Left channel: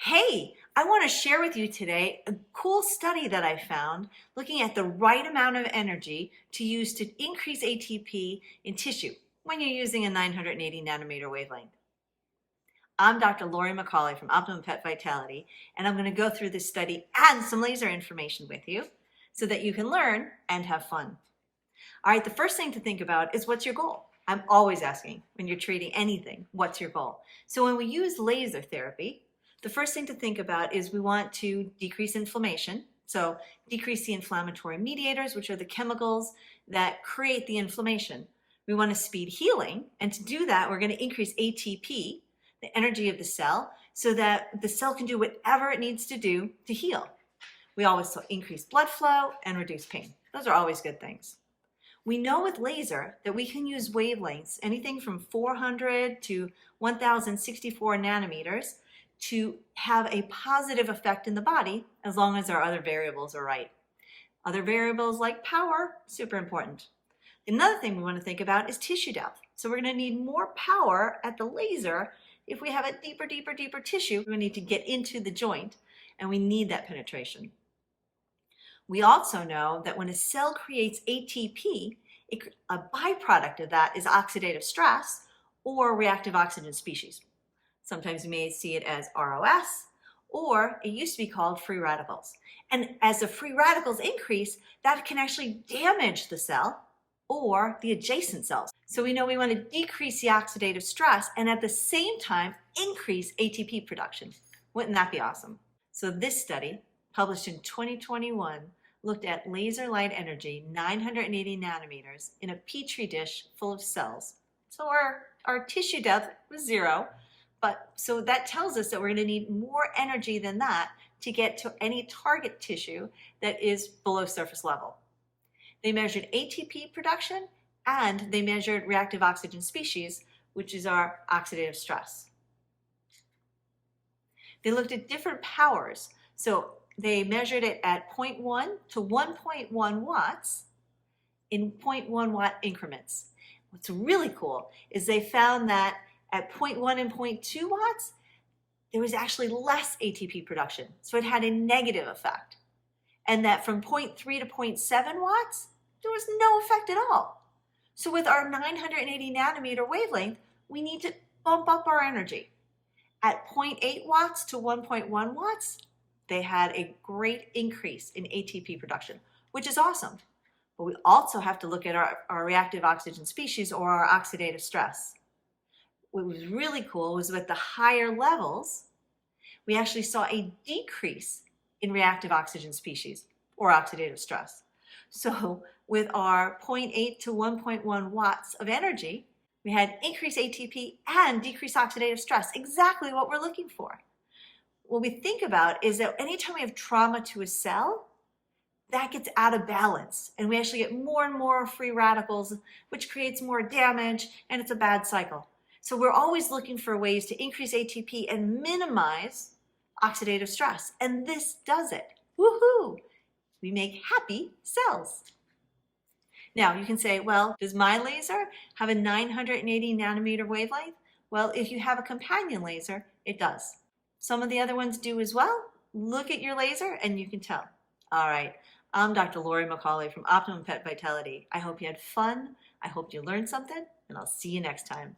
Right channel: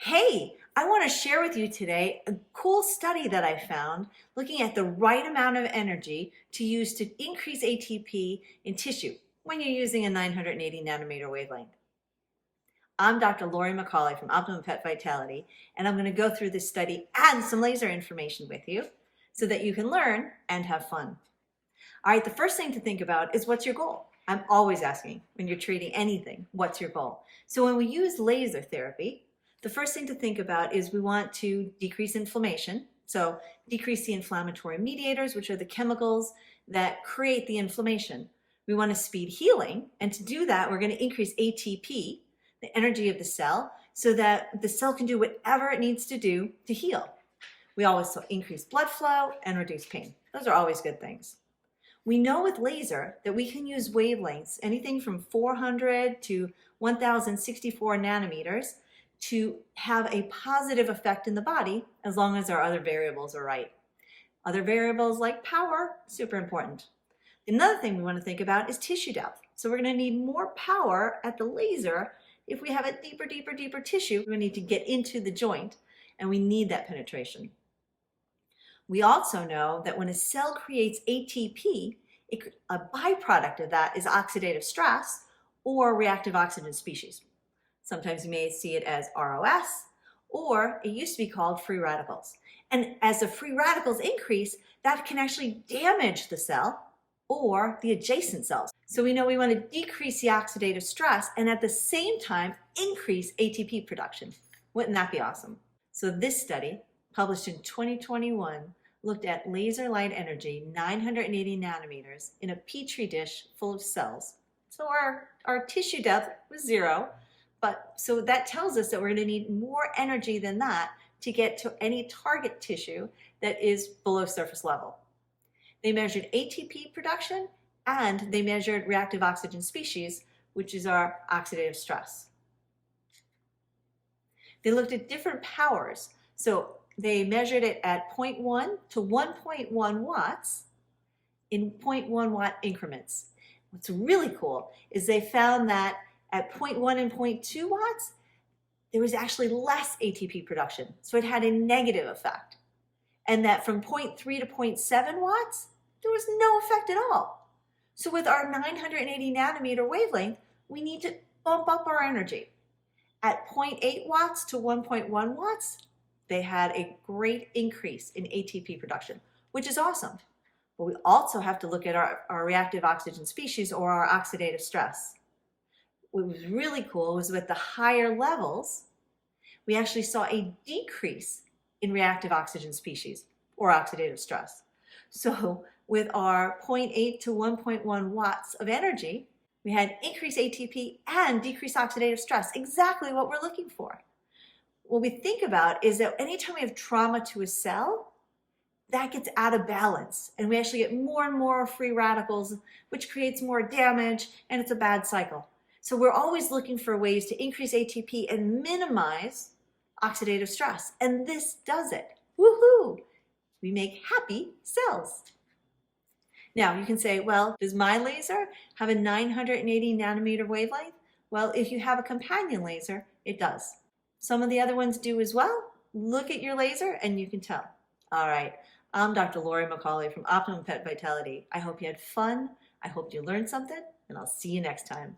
Hey, I want to share with you today a cool study that I found looking at the right amount of energy to use to increase ATP in tissue when you're using a 980 nanometer wavelength. I'm Dr. Laurie McCauley from Optimum Pet Vitality, and I'm going to go through this study and some laser information with you so that you can learn and have fun. All right, the first thing to think about is what's your goal? I'm always asking when you're treating anything, what's your goal? So when we use laser therapy, the first thing to think about is we want to decrease inflammation. So decrease the inflammatory mediators, which are the chemicals that create the inflammation. We want to speed healing. And to do that, we're going to increase ATP, the energy of the cell, so that the cell can do whatever it needs to do to heal. We always increase blood flow and reduce pain. Those are always good things. We know with laser that we can use wavelengths, anything from 400 to 1064 nanometers, to have a positive effect in the body as long as our other variables are right. Other variables like power, super important. Another thing we want to think about is tissue depth. So we're going to need more power at the laser. If we have a deeper tissue, we need to get into the joint, and we need that penetration. We also know that when a cell creates ATP, a byproduct of that is oxidative stress or reactive oxygen species. Sometimes you may see it as ROS, or it used to be called free radicals. And as the free radicals increase, that can actually damage the cell or the adjacent cells. So we know we want to decrease the oxidative stress and at the same time increase ATP production. Wouldn't that be awesome? So this study, published in 2021, looked at laser light energy, 980 nanometers, in a petri dish full of cells. So our tissue depth was 0. So that tells us that we're going to need more energy than that to get to any target tissue that is below surface level. They measured ATP production and they measured reactive oxygen species, which is our oxidative stress. They looked at different powers. So they measured it at 0.1 to 1.1 watts in 0.1 watt increments. What's really cool is they found that at 0.1 and 0.2 watts, there was actually less ATP production. So it had a negative effect. And that from 0.3 to 0.7 watts, there was no effect at all. So with our 980 nanometer wavelength, we need to bump up our energy. At 0.8 watts to 1.1 watts, they had a great increase in ATP production, which is awesome. But we also have to look at our reactive oxygen species or our oxidative stress. What was really cool was with the higher levels, we actually saw a decrease in reactive oxygen species or oxidative stress. So with our 0.8 to 1.1 watts of energy, we had increased ATP and decreased oxidative stress, exactly what we're looking for. What we think about is that anytime we have trauma to a cell, that gets out of balance and we actually get more and more free radicals, which creates more damage, and it's a bad cycle. So we're always looking for ways to increase ATP and minimize oxidative stress. And this does it. Woohoo! We make happy cells. Now you can say, well, does my laser have a 980 nanometer wavelength? Well, if you have a companion laser, it does. Some of the other ones do as well. Look at your laser and you can tell. All right, I'm Dr. Laurie McCauley from Optimum Pet Vitality. I hope you had fun. I hope you learned something, and I'll see you next time.